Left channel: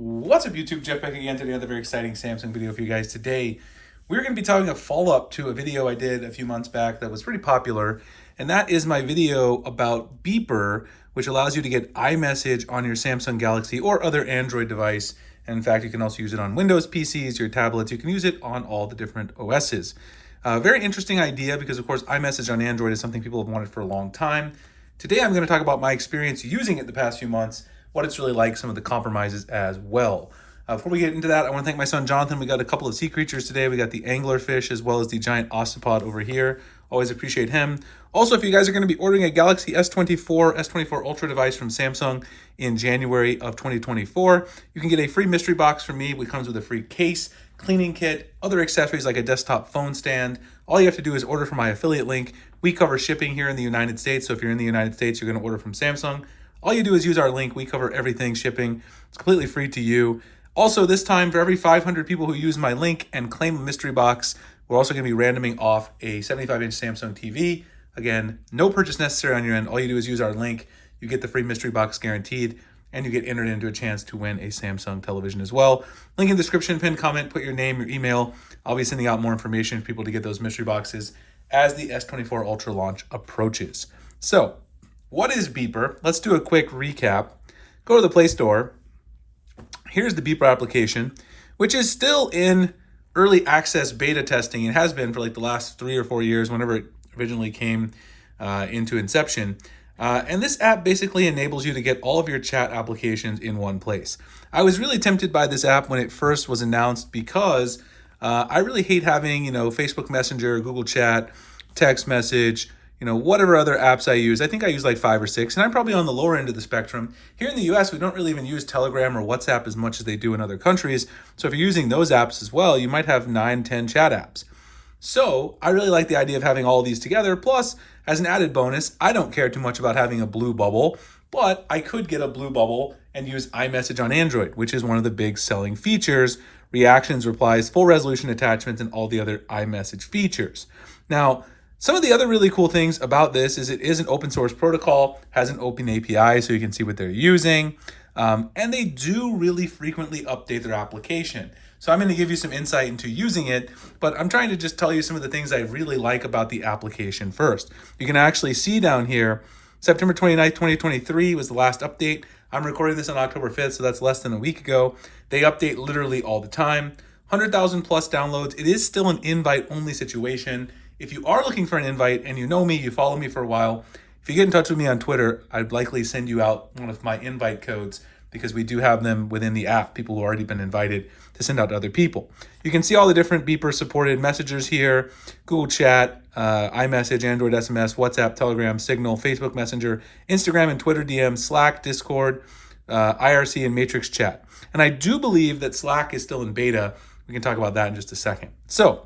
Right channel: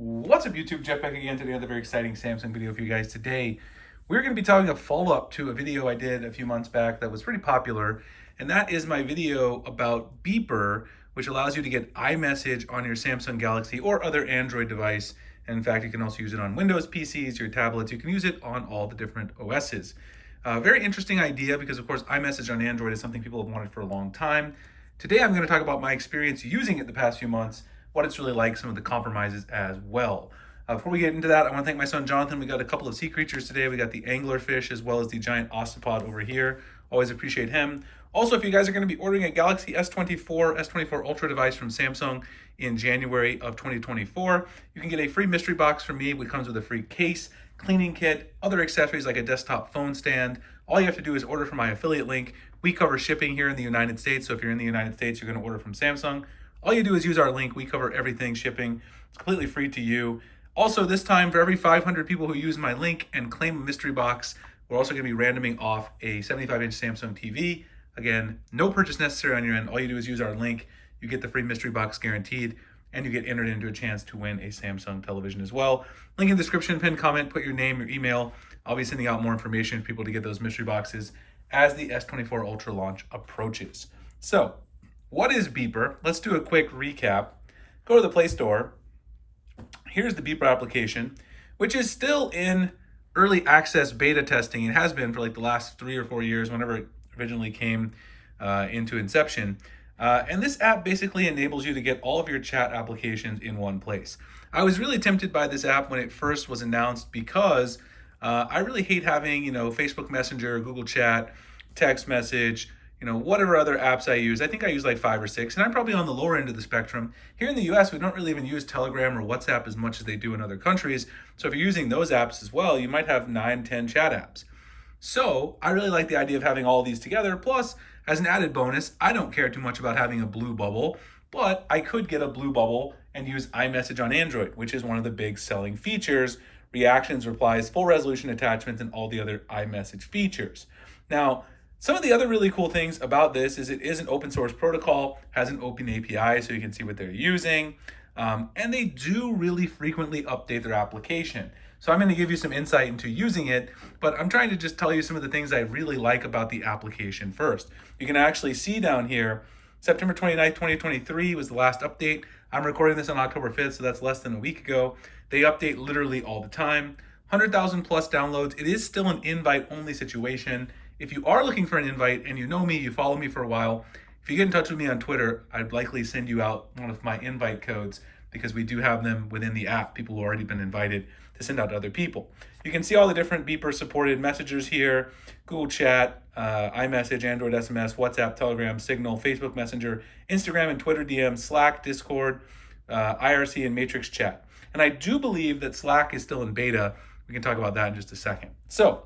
What's up YouTube, Jeff back again today with a very exciting Samsung video for you guys. Today, we're going to be talking a follow-up to a video I did a few months back that was pretty popular, and that is my video about Beeper, which allows you to get iMessage on your Samsung Galaxy or other Android device. And in fact, you can also use it on Windows PCs, your tablets. You can use it on all the different OSs. Very interesting idea because, of course, iMessage on Android is something people have wanted for a long time. Today, I'm going to talk about my experience using it the past few months, what it's really like, some of the compromises as well. Before we get into that, I want to thank my son Jonathan. We got a couple of sea creatures today. We got the anglerfish as well as the giant ostropod over here. Always appreciate him. Also, if you guys are going to be ordering a Galaxy S24 Ultra device from Samsung in January of 2024, you can get a free mystery box from me, which comes with a free case, cleaning kit, other accessories like a desktop phone stand. All you have to do is order from my affiliate link. We cover shipping here in the United States, so if you're in the United States, you're going to order from Samsung. All you do is use our link. We cover everything shipping. It's completely free to you. Also, this time, for every 500 people who use my link and claim a mystery box, we're also going to be randoming off a 75-inch Samsung TV. Again, no purchase necessary on your end. All you do is use our link. You get the free mystery box guaranteed, and you get entered into a chance to win a Samsung television as well. Link in the description, pinned comment, put your name, your email. I'll be sending out more information for people to get those mystery boxes as the S24 Ultra launch approaches. So, what is Beeper? Let's do a quick recap. Go to the Play Store. Here's the Beeper application, which is still in early access beta testing. It has been for like the last 3 or 4 years, whenever it originally came into inception. And this app basically enables you to get all of your chat applications in one place. I was really tempted by this app when it first was announced because I really hate having, Facebook Messenger, Google Chat, text message, whatever other apps I use. I think I use like 5 or 6, and I'm probably on the lower end of the spectrum. Here in the US, we don't really even use Telegram or WhatsApp as much as they do in other countries. So if you're using those apps as well, you might have 9, 10 chat apps. So I really like the idea of having all of these together. Plus, as an added bonus, I don't care too much about having a blue bubble, but I could get a blue bubble and use iMessage on Android, which is one of the big selling features: reactions, replies, full resolution attachments, and all the other iMessage features. Now, some of the other really cool things about this is it is an open source protocol, has an open API so you can see what they're using, and they do really frequently update their application. So I'm going to give you some insight into using it, but I'm trying to just tell you some of the things I really like about the application first. You can actually see down here, September 29th, 2023 was the last update. I'm recording this on October 5th, so that's less than a week ago. They update literally all the time. 100,000 plus downloads. It is still an invite-only situation. If you are looking for an invite and you know me, you follow me for a while, if you get in touch with me on Twitter, I'd likely send you out one of my invite codes because we do have them within the app, people who have already been invited to send out to other people. You can see all the different Beeper supported messengers here: Google Chat, iMessage, Android SMS, WhatsApp, Telegram, Signal, Facebook Messenger, Instagram and Twitter DM, Slack, Discord, IRC, and Matrix Chat. And I do believe that Slack is still in beta. We can talk about that in just a second. So,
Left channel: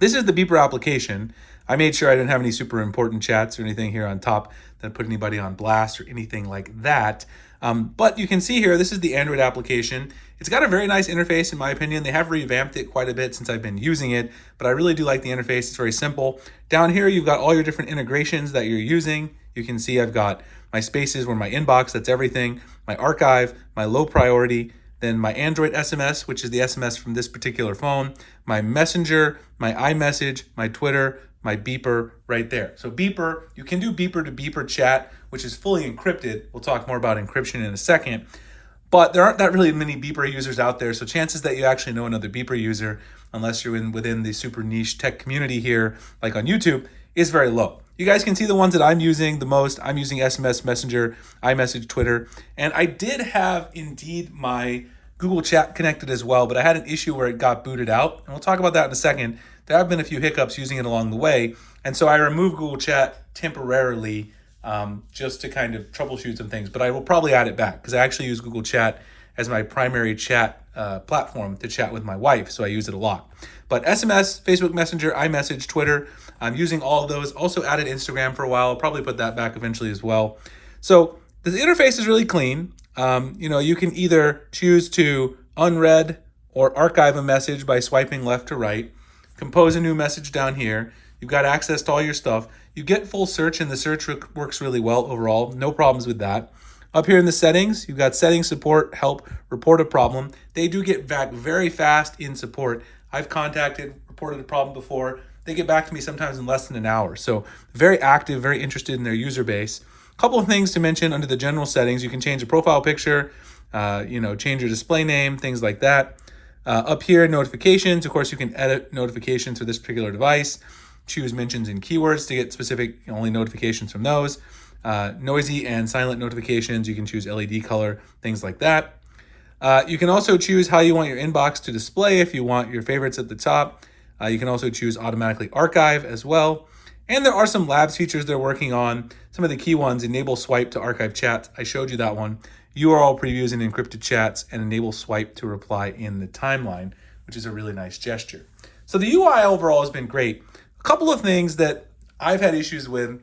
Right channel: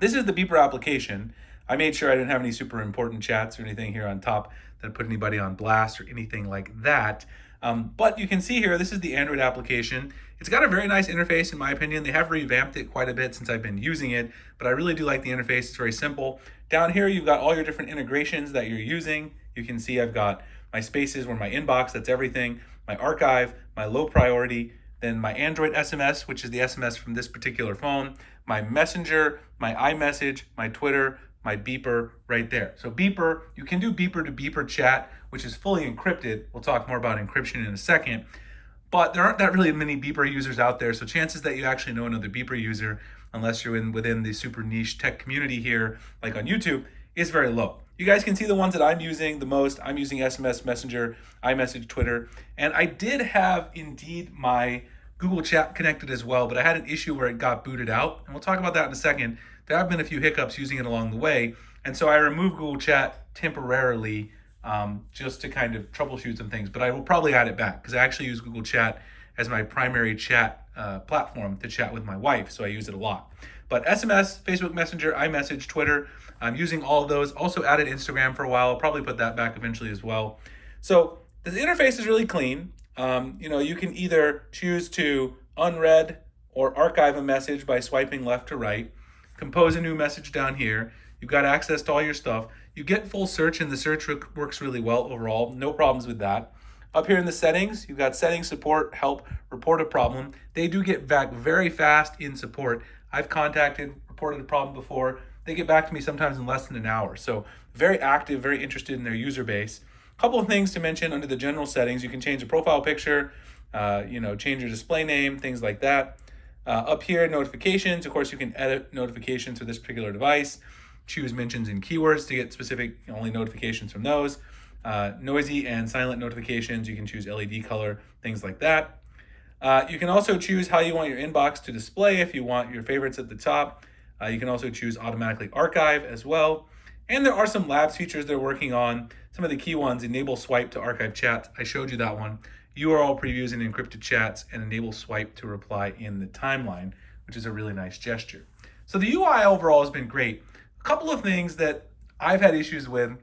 this is the Beeper application. I made sure I didn't have any super important chats or anything here on top that put anybody on blast or anything like that. But you can see here, this is the Android application. It's got a very nice interface, in my opinion. They have revamped it quite a bit since I've been using it, but I really do like the interface. It's very simple. Down here, you've got all your different integrations that you're using. You can see I've got my spaces or my inbox, that's everything, my archive, my low priority, then my Android SMS, which is the SMS from this particular phone, my Messenger, my iMessage, my Twitter, my Beeper right there. So Beeper, you can do Beeper to Beeper chat, which is fully encrypted. We'll talk more about encryption in a second. But there aren't that really many Beeper users out there, so chances that you actually know another Beeper user, unless you're within the super niche tech community here, like on YouTube, is very low. You guys can see the ones that I'm using the most. I'm using SMS, Messenger, iMessage, Twitter, and I did have indeed my Google Chat connected as well, but I had an issue where it got booted out, and we'll talk about that in a second. There have been a few hiccups using it along the way, and so I removed Google Chat temporarily just to kind of troubleshoot some things, but I will probably add it back because I actually use Google Chat as my primary chat platform to chat with my wife, so I use it a lot. But SMS, Facebook Messenger, iMessage, Twitter, I'm using all of those. Also added Instagram for a while. I'll probably put that back eventually as well. So the interface is really clean. You can either choose to unread or archive a message by swiping left to right, compose a new message down here. You've got access to all your stuff. You get full search, and the search works really well overall. No problems with that. Up here in the settings, you've got settings, support, help, report a problem. They do get back very fast in support. I've reported a problem before. They get back to me sometimes in less than an hour. So very active, very interested in their user base. A couple of things to mention under the general settings. You can change the profile picture, change your display name, things like that. Up here, notifications. Of course, you can edit notifications for this particular device. Choose mentions and keywords to get specific only notifications from those. Noisy and silent notifications. You can choose LED color, things like that. You can also choose how you want your inbox to display if you want your favorites at the top. You can also choose automatically archive as well. And there are some labs features they're working on. Some of the key ones: enable swipe to archive chats. I showed you that one. URL previews and encrypted chats, and enable swipe to reply in the timeline, which is a really nice gesture. So the UI overall has been great. A couple of things that I've had issues with,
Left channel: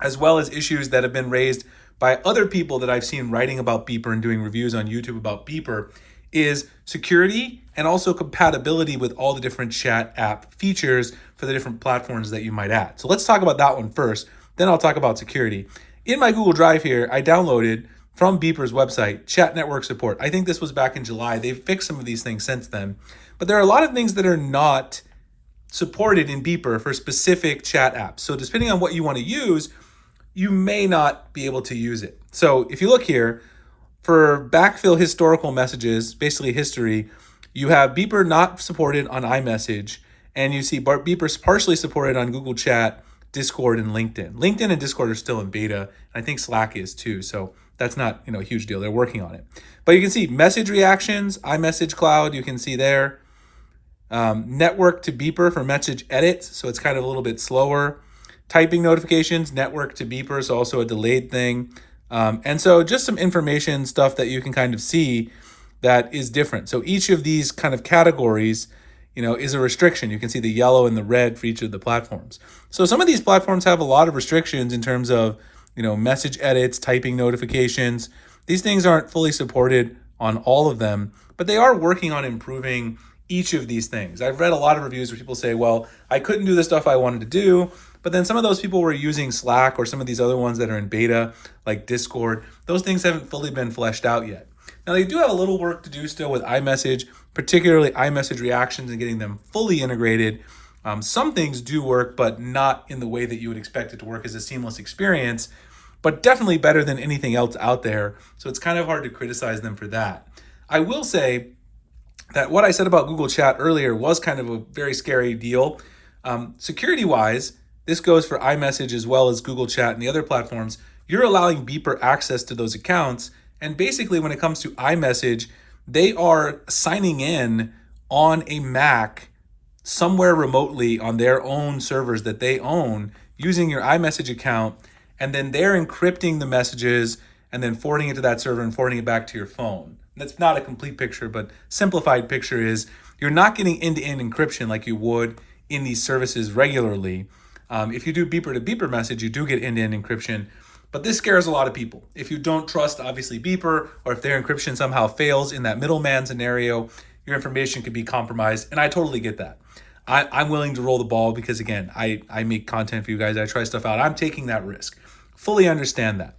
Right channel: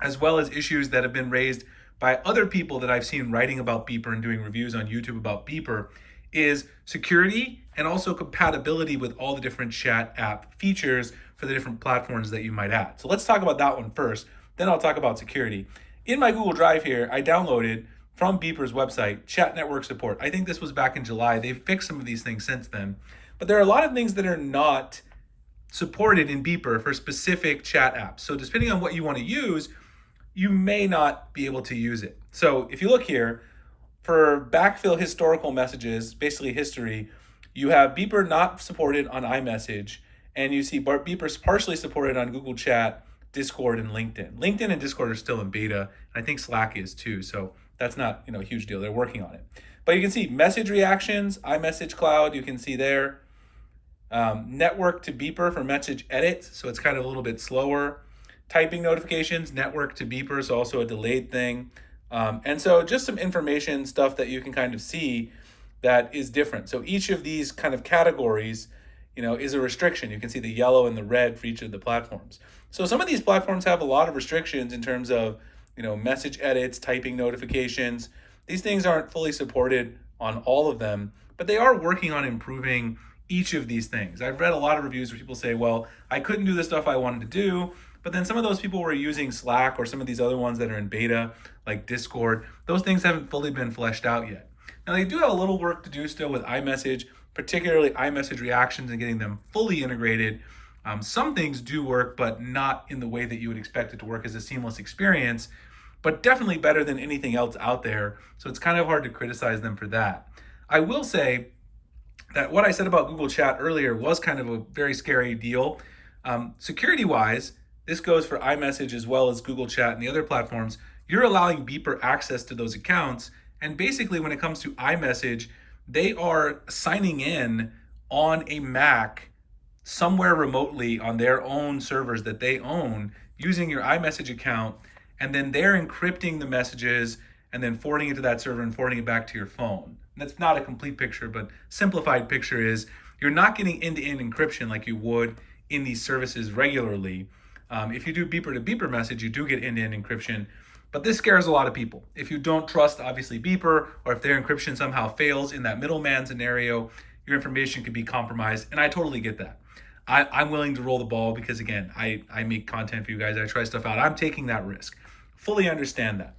as well as issues that have been raised by other people that I've seen writing about Beeper and doing reviews on YouTube about Beeper, is security and also compatibility with all the different chat app features for the different platforms that you might add. So let's talk about that one first, then I'll talk about security. In my Google Drive here, I downloaded from Beeper's website, chat network support. I think this was back in July. They've fixed some of these things since then, but there are a lot of things that are not supported in Beeper for specific chat apps. So depending on what you want to use, you may not be able to use it. So if you look here, for backfill historical messages, basically history, you have Beeper not supported on iMessage, and you see Beeper's partially supported on Google Chat, Discord, and LinkedIn. LinkedIn and Discord are still in beta. I think Slack is too, so that's not a huge deal. They're working on it. But you can see message reactions, iMessage Cloud, you can see there. Network to Beeper for message edits, so it's kind of a little bit slower. Typing notifications, network to Beeper, so also a delayed thing. And so just some information stuff that you can kind of see that is different. So each of these kind of categories, is a restriction. You can see the yellow and the red for each of the platforms. So some of these platforms have a lot of restrictions in terms of, message edits, typing notifications. These things aren't fully supported on all of them, but they are working on improving each of these things. I've read a lot of reviews where people say, well, I couldn't do the stuff I wanted to do, but then some of those people were using Slack or some of these other ones that are in beta, like Discord. Those things haven't fully been fleshed out yet. Now, they do have a little work to do still with iMessage, particularly iMessage reactions and getting them fully integrated. Some things do work, but not in the way that you would expect it to work as a seamless experience, but definitely better than anything else out there. So it's kind of hard to criticize them for that. I will say that what I said about Google Chat earlier was kind of a very scary deal. Security-wise, this goes for iMessage as well as Google Chat and the other platforms. You're allowing Beeper access to those accounts. And basically, when it comes to iMessage, they are signing in on a Mac somewhere remotely on their own servers that they own using your iMessage account. And then they're encrypting the messages and then forwarding it to that server and forwarding it back to your phone. And that's not a complete picture, but simplified picture is you're not getting end-to-end encryption like you would in these services regularly. If you do Beeper to Beeper message, you do get end-to-end encryption, but this scares a lot of people. If you don't trust, obviously, Beeper, or if their encryption somehow fails in that middleman scenario, your information could be compromised, and I totally get that. I'm willing to roll the ball because, again, I make content for you guys. I try stuff out. I'm taking that risk. Fully understand that.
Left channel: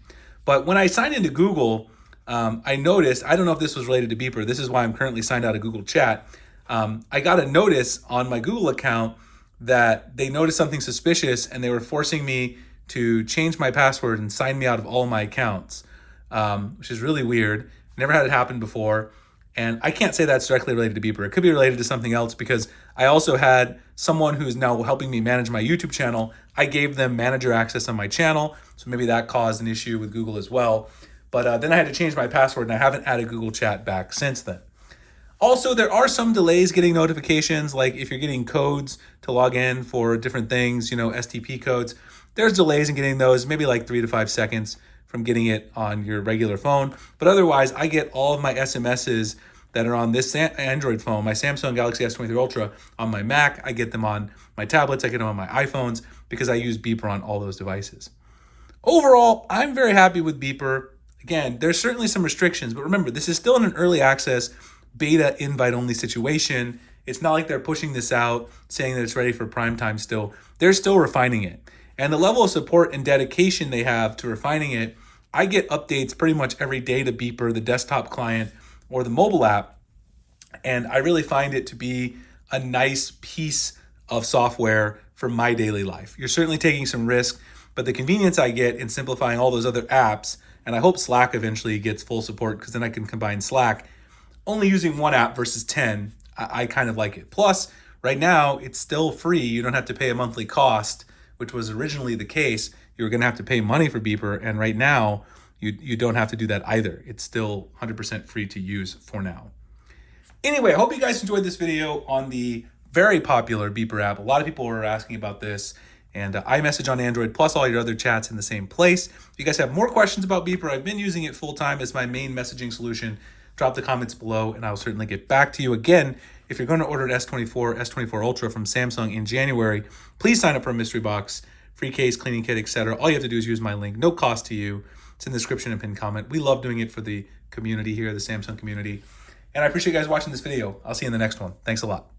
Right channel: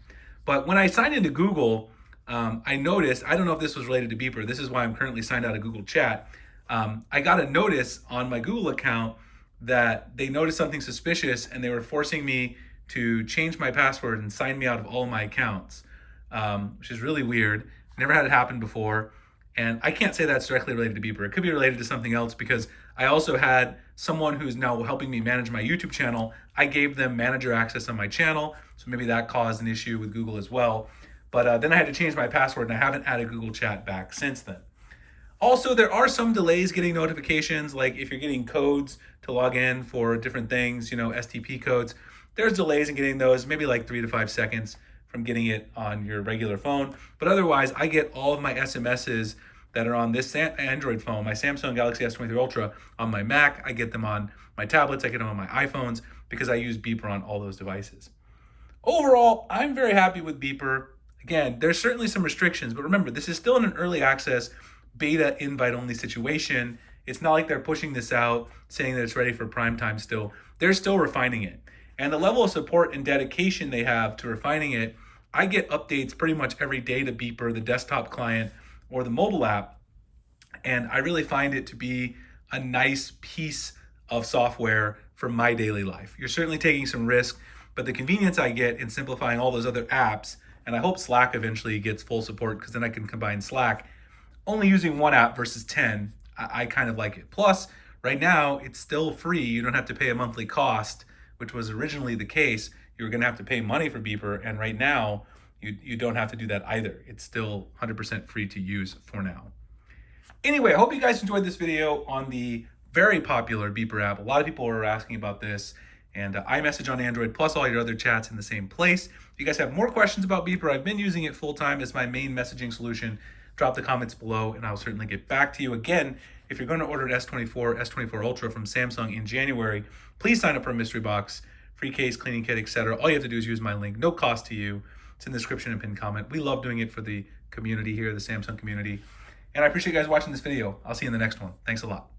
But when I signed into Google, I noticed, I don't know if this was related to Beeper. This is why I'm currently signed out of Google Chat. I got a notice on my Google account that they noticed something suspicious and they were forcing me to change my password and sign me out of all my accounts, which is really weird. Never had it happen before. And I can't say that's directly related to Beeper. It could be related to something else because I also had someone who's now helping me manage my YouTube channel. I gave them manager access on my channel, so maybe that caused an issue with Google as well. But then I had to change my password, and I haven't added Google Chat back since then. Also, there are some delays getting notifications, like if you're getting codes to log in for different things, STP codes, there's delays in getting those, maybe like 3 to 5 seconds from getting it on your regular phone. But otherwise, I get all of my SMSs that are on this Android phone, my Samsung Galaxy S23 Ultra, on my Mac. I get them on my tablets, I get them on my iPhones, because I use Beeper on all those devices. Overall, I'm very happy with Beeper. Again, there's certainly some restrictions, but remember, this is still in an early access beta invite-only situation. It's not like they're pushing this out, saying that it's ready for prime time still. They're still refining it. And the level of support and dedication they have to refining it, I get updates pretty much every day to Beeper, the desktop client or the mobile app. And I really find it to be a nice piece of software for my daily life. You're certainly taking some risk, but the convenience I get in simplifying all those other apps, and I hope Slack eventually gets full support because then I can combine Slack, only using one app versus 10, I kind of like it. Plus, right now, it's still free. You don't have to pay a monthly cost, which was originally the case. You were going to have to pay money for Beeper, and right now, you don't have to do that either. It's still 100% free to use for now. Anyway, I hope you guys enjoyed this video on the very popular Beeper app. A lot of people were asking about this, and iMessage on Android, plus all your other chats in the same place. If you guys have more questions about Beeper, I've been using it full time as my main messaging solution. Drop the comments below, and I'll certainly get back to you. Again, if you're going to order an S24, S24 Ultra from Samsung in January, please sign up for a mystery box, free case, cleaning kit, etc. All you have to do is use my link, no cost to you. It's in the description and pinned comment. We love doing it for the community here, the Samsung community. And I appreciate you guys watching this video. I'll see you in the next one. Thanks a lot.